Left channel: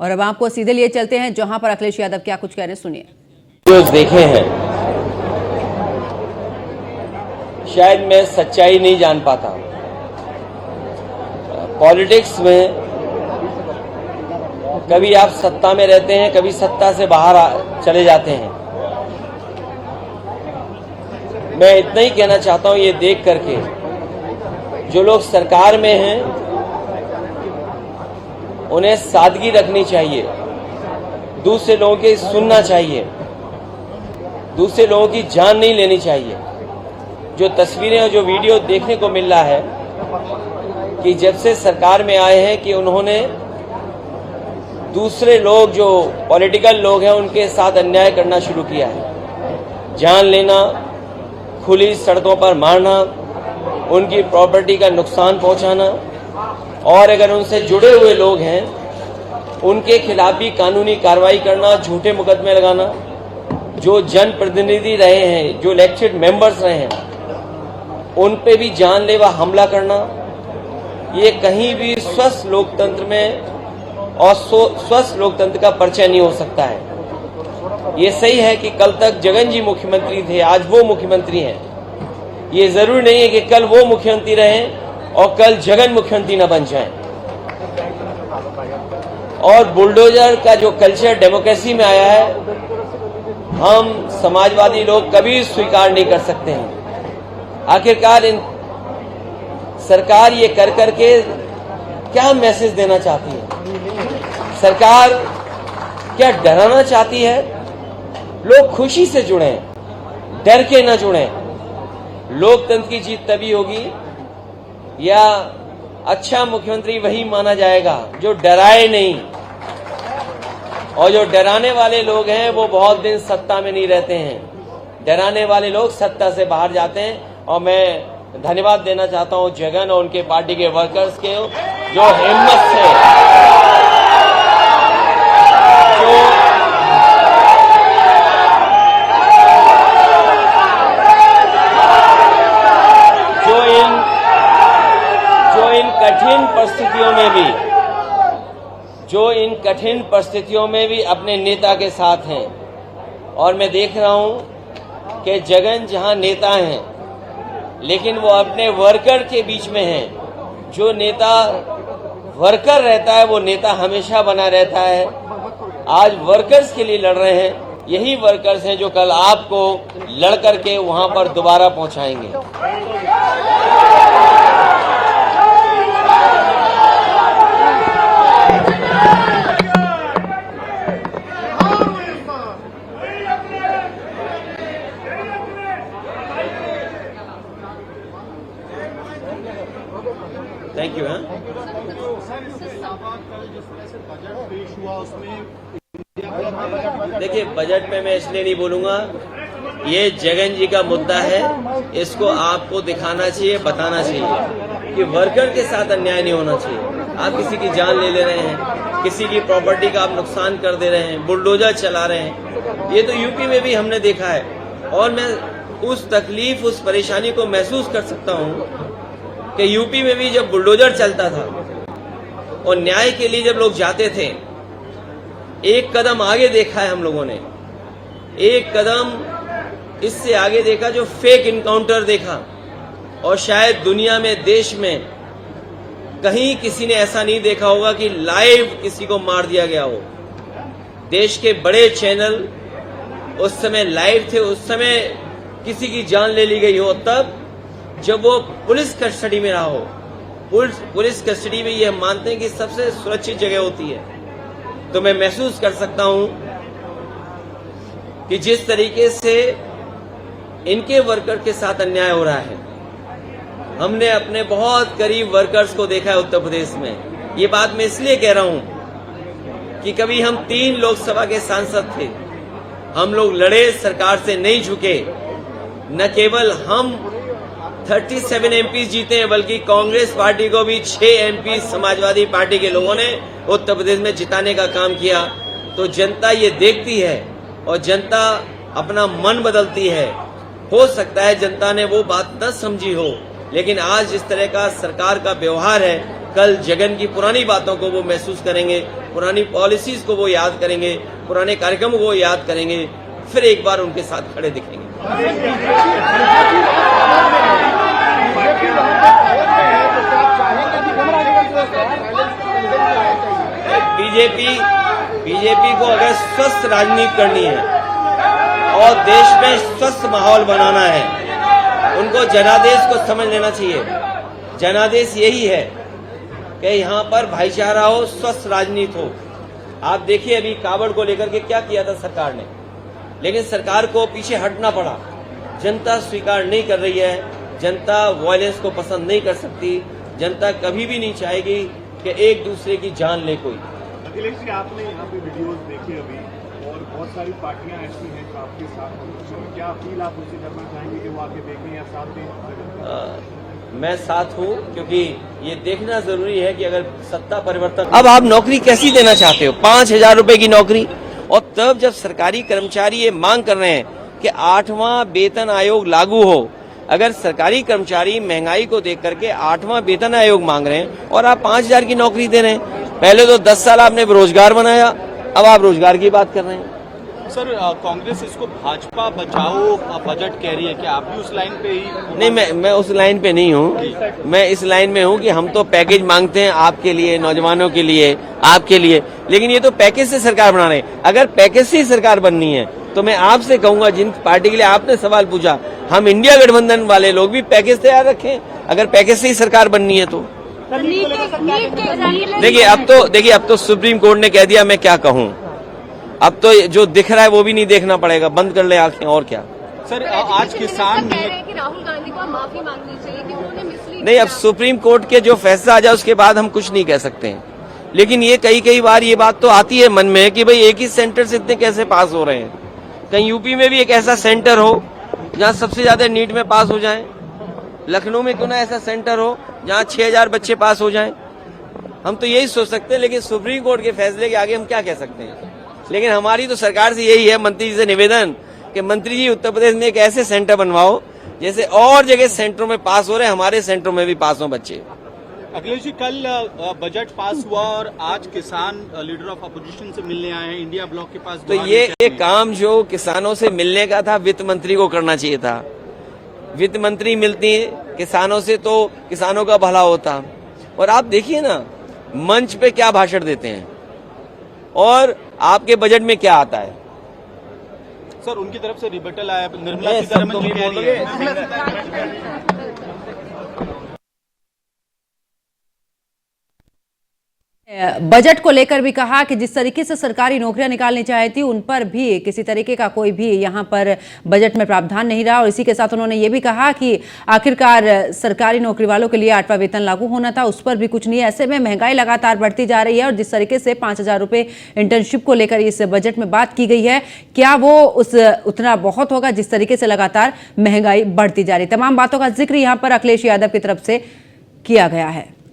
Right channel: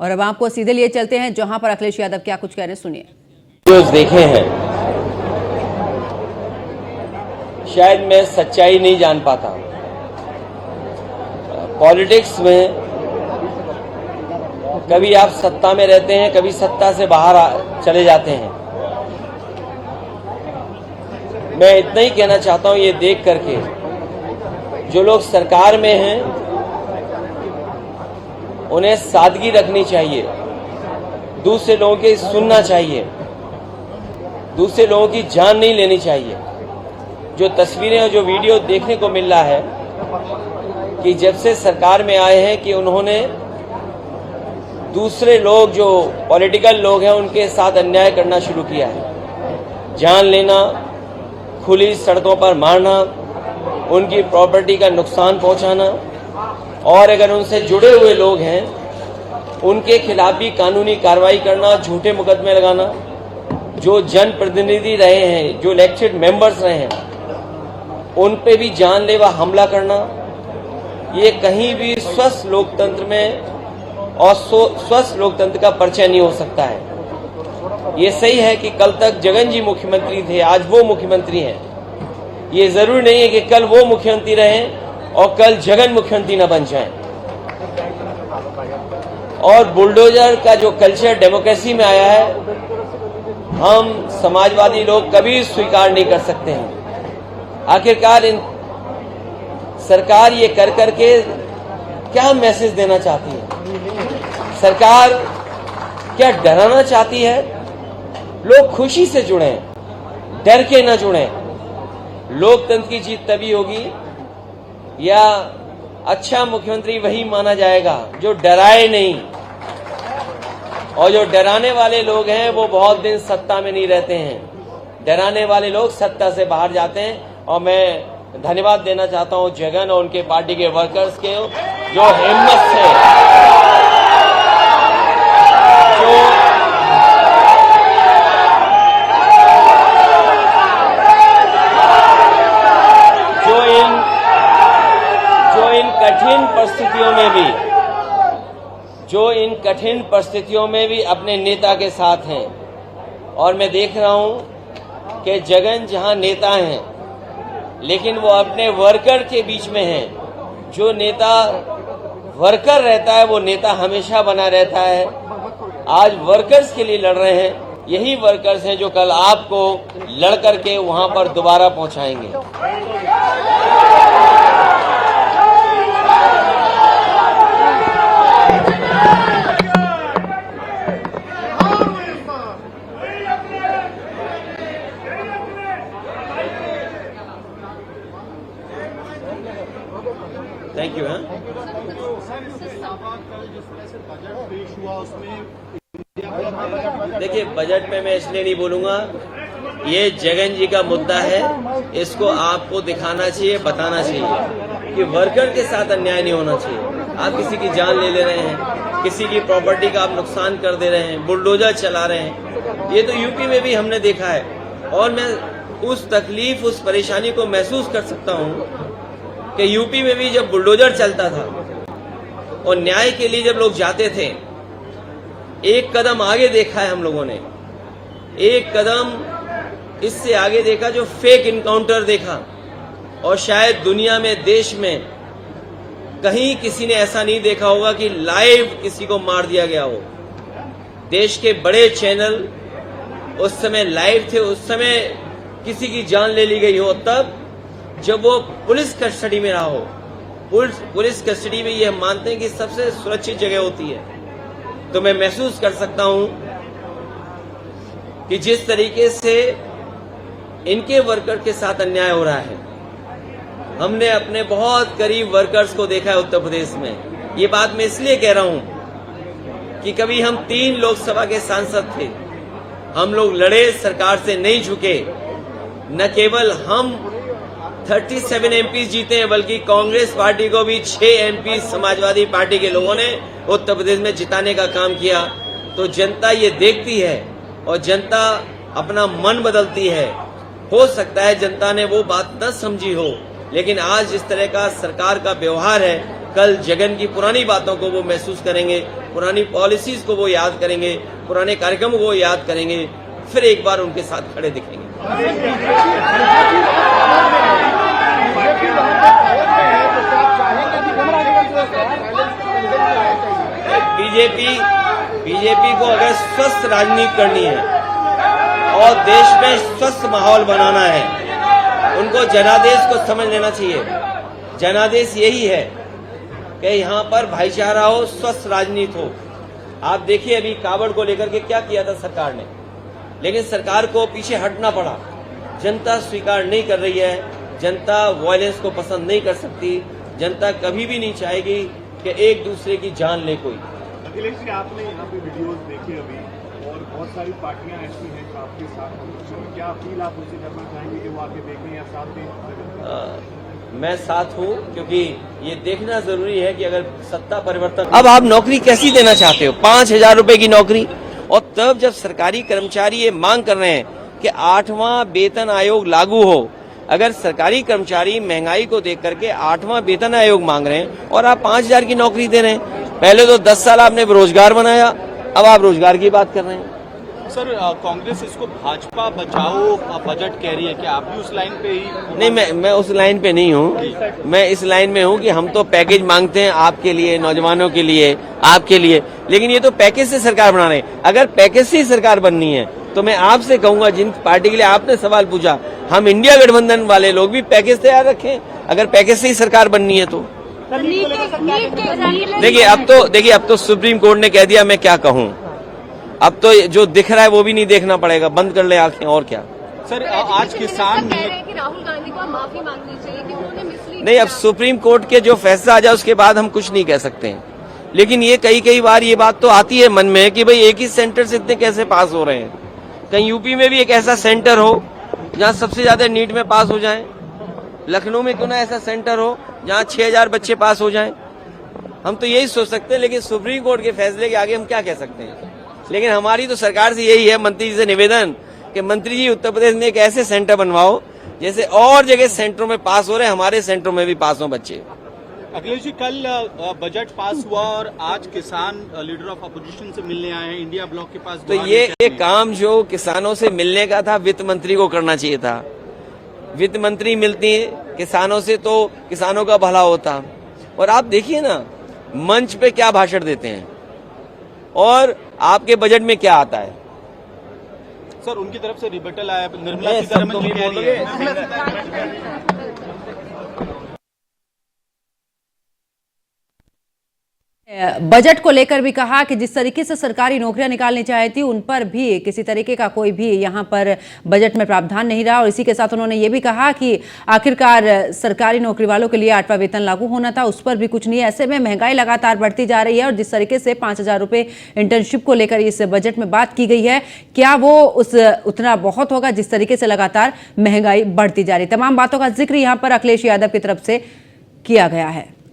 और अब आपको सीधे लिए चलते हैं जहां पर अखिलेश यादव क्या कुछ कह रहे हैं, सुनिए। देखे हैं, शायद मैं सच्चाई नहीं जान पाता। पॉलिटिक्स में कभी आप सत्ता में रहते हैं, कभी सत्ता से बाहर चले जाते हैं। मैं इतना ही कहना चाहता हूं, ये देख करके जो लोग सरकार में हैं उन्हें सादगी रखनी चाहिए, दूसरे लोगों की सुनना चाहिए, दूसरे लोगों की जान नहीं लेनी चाहिए। जो तस्वीरें और जो वीडियो देखने को मिल रहा है कि जब से सरकार में आए हैं कि उन्होंने दूसरे लोग जो पॉलिटिकल लोग हैं उनके साथ अन्याय करना शुरू किया है। जान लेना, खुली सड़कों पर मारना, उनकी प्रॉपर्टी का नुकसान पहुंचाना, और अगर उनसे जुड़े हुए लोग हैं उनके खिलाफ भी कानूनी कार्रवाई करना, झूठे मुकदमे लगाना। जो जनप्रतिनिधि रहे हैं, जो इलेक्टेड मेंबर्स रहे हैं, उन पे भी जानलेवा हमला करना, ये कहीं भी स्वस्थ लोकतंत्र में और स्वस्थ लोकतंत्र का परिचय नहीं हो सकता है। ये सही है कि कल तक जगन जी मुख्यमंत्री थे, आज वो मुख्यमंत्री हैं। ये जरूरी नहीं है कि कल वो मुख्यमंत्री रहें और कल जगन मुख्यमंत्री न बन जाएं। और बुलडोजर का जो कल्चर डेमोक्रेसी में आया है, हम समाजवादी लोग कभी स्वीकार नहीं कर सकते हैं। आखिरकार सरकार ये कर करके क्या मैसेज देना चाहती है? सरकार क्या डराना चाहती है? लोग खुशी से जुड़ें, डर के न जुड़ें। लोकतंत्र की जीत तभी होगी या अच्छा मुख्यमंत्री वही माना जाएगा जो डराए नहीं। और जो डराने वाले लोग हैं वो बहुत दिन सत्ता में नहीं रहते हैं। डराने वाले लोग सत्ता से बाहर जाते हैं। और मैं धन्यवाद देना चाहता हूं जगन और उनके पार्टी के वर्कर्स के, जो हिम्मत से इन कठिन परिस्थितियों में भी अपने नेता के साथ हैं। और मैं देख रहा हूं कि जगन जहां नेता हैं लेकिन वो अपने वर्कर के बीच में हैं। जो नेता वर्कर रहता है वो नेता हमेशा बना रहता है। आज वर्कर्स के लिए लड़ रहे हैं, यही वर्कर्स हैं जो कल आपको लड़ करके वहां पर दोबारा पहुंचाएंगे। Thank you. देखिए, बजट में मैं इसलिए नहीं बोलूंगा, ये जगन जी का मुद्दा है, इसको आपको दिखाना चाहिए, बताना चाहिए कि वर्कर के साथ अन्याय नहीं होना चाहिए। आप किसी की जान ले रहे हैं, किसी की प्रॉपर्टी का आप नुकसान कर दे रहे हैं, बुलडोजर चला रहे हैं। ये तो यूपी में भी हमने देखा है। और मैं उस तकलीफ, उस परेशानी को महसूस कर सकता हूं कि यूपी में भी जब बुलडोजर चलता था और न्याय के लिए जब लोग जाते थे, एक कदम आगे देखा है हम लोगों ने, एक कदम इससे आगे देखा जो फेक इनकाउंटर देखा। और शायद दुनिया में, देश में कहीं किसी ने ऐसा नहीं देखा होगा कि लाइव किसी को मार दिया गया हो। देश के बड़े चैनल उस समय लाइव थे, उस समय किसी की जान ले ली गई हो, तब जब वो पुलिस कस्टडी में रहा हो। पुलिस कस्टडी में ये हम मानते हैं कि सबसे सुरक्षित जगह होती है। तो मैं महसूस कर सकता हूं कि जिस तरीके से इनके वर्कर के साथ अन्याय हो रहा है, हमने अपने बहुत करीब वर्कर्स को देखा है उत्तर प्रदेश में। ये बात मैं इसलिए कह रहा हूं कि कभी हम 3 लोकसभा के सांसद थे, हम लोग लड़े, सरकार से नहीं झुके। न केवल हम 37 एमपी जीते हैं, बल्कि कांग्रेस पार्टी को भी 6 एमपी समाजवादी पार्टी के लोगों ने उत्तर प्रदेश में जिताने का काम किया। तो जनता ये देखती है और जनता अपना मन बदलती है। हो सकता है जनता ने वो बात न समझी हो, लेकिन आज जिस तरह का सरकार का व्यवहार है, कल जगन की पुरानी बातों को वो महसूस करेंगे। पुरानी पॉलिसीज को वो याद करेंगे, पुराने कार्यक्रम को वो याद करेंगे, फिर एक बार उनके साथ खड़े दिखेंगे। बीजेपी को अगर स्वस्थ राजनीति करनी है और देश में स्वस्थ माहौल बनाना है, उनको जनादेश को समझ लेना चाहिए। जनादेश यही है कि यहाँ पर भाईचारा हो, स्वस्थ राजनीति हो। आप देखिए अभी कावड़ को लेकर के क्या किया था सरकार ने, लेकिन सरकार को पीछे हटना पड़ा। जनता स्वीकार नहीं कर रही है, जनता वायलेंस को पसंद नहीं कर सकती, जनता कभी भी नहीं चाहेगी कि एक दूसरे की जान ले कोई। अखिलेश जी, आपने यहाँ पे वीडियोस देखे अभी, और बहुत सारी पार्टियां ऐसी हैं जो आपके साथ हैं, क्या अपील आप उनसे करना चाहेंगे कि वो आके देखें या साथ दें? मैं साथ हूँ, क्योंकि ये देखना जरूरी है कि अगर सत्ता परिवर्तन, अब आप नौकरी कैसी देना चाहते हो? 5,000 रुपए की नौकरी, और तब जब सरकारी कर्मचारी ये मांग कर रहे हैं कि 8वां वेतन आयोग लागू हो। अगर सरकारी कर्मचारी महंगाई को देख करके 8वां वेतन आयोग मांग रहे हैं और आप 5,000 की नौकरी दे रहे हैं, पहले तो 10 साल आपने रोजगार बनाया, अब आप रोजगार की बात कर रहे हैं। सर, कांग्रेस इसको भाजपा बचाओ बजट कह रही है, क्या आप भी उस लाइन पे ही? नहीं, मैं उस लाइन पे नहीं हूँ। मैं इस लाइन में हूँ कि हम तो पैकेज मांगते हैं आपके लिए, नौजवानों के लिए, आपके लिए, लेकिन ये तो पैकेज से सरकार बना रहे हैं। अगर पैकेज से ही सरकार बननी है तो मैं आपसे कहूंगा, जिन पार्टी के लिए आपने सवाल पूछा, हम इंडिया गठबंधन वाले लोग भी पैकेज तैयार रखें, अगर पैकेज से ही सरकार बननी है तो। देखिए अब तो सुप्रीम कोर्ट ने कह दिया, मैं क्या कहूँ। अब तो जो दिख रहा है वो भी नहीं देखना पड़ेगा, बंद कर ले आंखें, और क्या। सर, आज किसान राहुल गांधी को माफी मांगनी चाहिए कि उन्होंने मिसलीड नहीं, अब सुप्रीम कोर्ट के जो फैसला आ जाए उसके बाद हम कुछ नहीं कह सकते हैं, लेकिन ये कई बार ये बात तो आती है मन में कि भाई एक ही सेंटर से इतने कैसे पास हो रहे हैं। कहीं यूपी में भी एक ऐसा सेंटर हो जहाँ सबसे ज्यादा नीट में पास हो जाए, लखनऊ में क्यों ना ऐसा सेंटर हो जहाँ 6,000 बच्चे पास हो जाएं। हम तो यही सोच सकते हैं, लेकिन सुप्रीम कोर्ट के फैसले के आगे हम क्या कह सकते हैं। लेकिन हमारी तो सरकार से यही है, मंत्री जी से निवेदन कि मंत्री जी उत्तर प्रदेश में एक ऐसे सेंटर बनवाओ जैसे और जगह सेंटरों में पास हो रहे हैं, हमारे सेंटरों में भी पास हो बच्चे। अखिलेश जी, कल बजट पास हुआ और आज किसान लीडर ऑफ अपोजिशन से मिलने आए हैं इंडिया ब्लॉक के पास। तो ये काम जो किसानों से मिलने का था, वित्त मंत्री को करना चाहिए था। वित्त मंत्री मिलती है किसानों से तो किसानों का भला होता। और आप देखिए ना, मंच पे क्या भाषण देते हैं और आपके बजट में क्या आता है। सर, उनकी तरफ से रिबेटल आया, निर्मला सीतारमण जी कह रही है। बजट को लेकर भी कहा कि जिस तरीके से सरकारी नौकरियां निकालनी चाहिए थी, उन पर भी किसी तरीके का कोई भी यहां पर बजट में प्रावधान नहीं रहा। और इसी के साथ उन्होंने ये भी कहा कि आखिरकार सरकारी नौकरी वालों के लिए 8वां वेतन लागू होना था, उस पर भी कुछ नहीं है। ऐसे में महंगाई लगातार बढ़ती जा रही है और जिस तरीके से 5,000 रुपए इंटर्नशिप को लेकर इस बजट में बात की गई है, क्या वो उतना बहुत होगा जिस तरीके से लगातार महंगाई बढ़ती जा रही है। तमाम बातों का जिक्र यहाँ पर अखिलेश यादव की तरफ से किया गया है।